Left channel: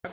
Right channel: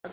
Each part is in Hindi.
आग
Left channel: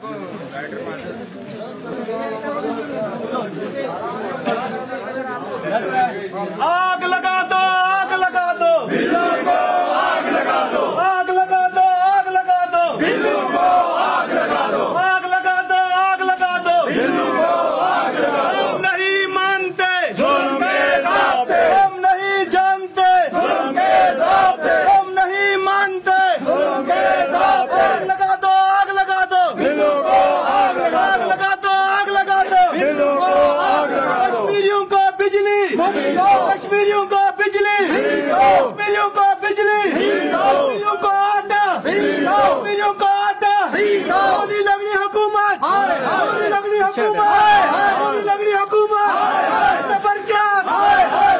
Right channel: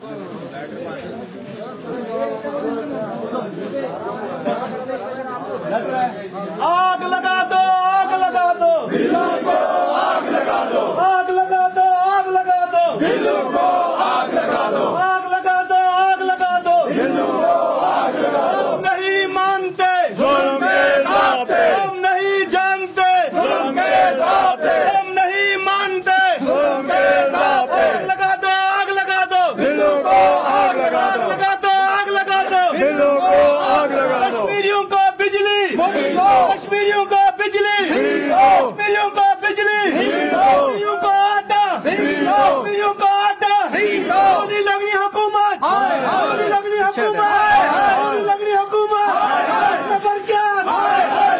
लगा दो, आग लगा दो, बिल्लू को आग लगा दो, आग लगा दो, आग लगा दो, बिल्लू को आग लगा दो, आग लगा दो, आग लगा दो, बिल्लू को आग लगा दो। हम नहीं मानते जुल्म के साथे, हम नहीं जानते जुल्म के साथे, हम नहीं मानते जुल्म के साथे, आग लगा दो, आग लगा दो, बिल्लू को आग लगा आग दो, लगा दो, आग लगा दो, बिल्लू को आग लगा दो। कश्मीरियों को बिजली, कश्मीरियों को बिजली, कश्मीरियों को बिजली, कश्मीरियों को आटा, कश्मीरियों को आटा, गोली लगनी हुकूमत, गोली लगनी हुकूमत, गोली लगनी हुकूमत, नंबर क्या,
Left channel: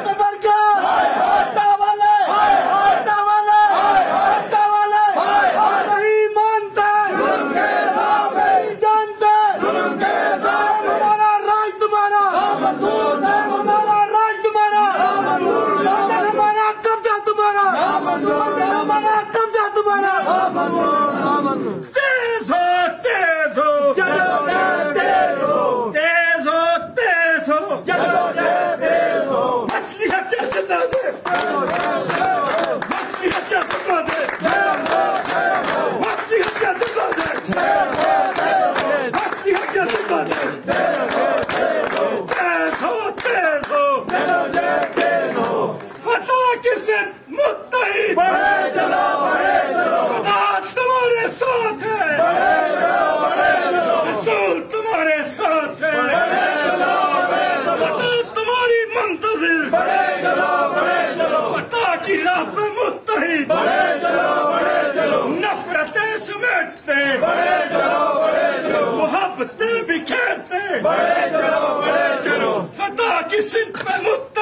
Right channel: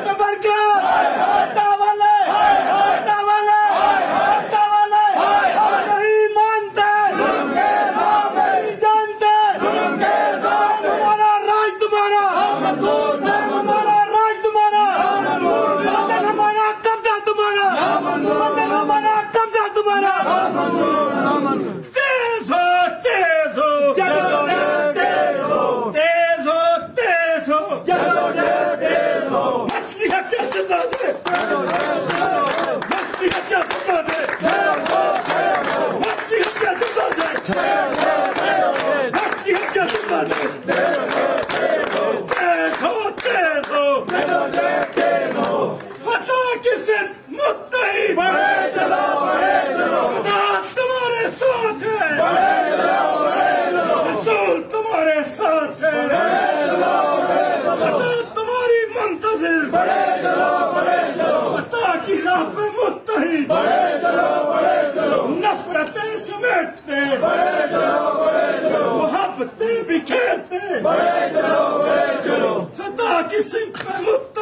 नंबर क्या, वाले, वाले, वाले, नहीं मानते, नहीं जानते, हमारा राज तुम्हारा, हमारा राज तुम्हारा, हमारा कब्जा तुम्हारा, हमारा कब्जा तुम्हारा। तेज हो, तेज हो, तेज हो, तेज हो, तेज हो, तेज हो, मछली हत्या जिंदा दे, मछली हत्या जिंदा दे, मछली हत्या जिंदा दे, मछली हत्या जिंदा दे। तेज हो, तेज हो, फतह के सिर मुत्तहिद, बढ़े चलो, खुदा तुम्हारे साथ है, रसूल तुम्हारे साथ है, फतह तुम्हारी मुंतजिर, फतह की राह पे मुत्तहिद, नफरतें समेटते, मुहब्बतें बिखेरते, फतह की सिर पे मुत्तहिद।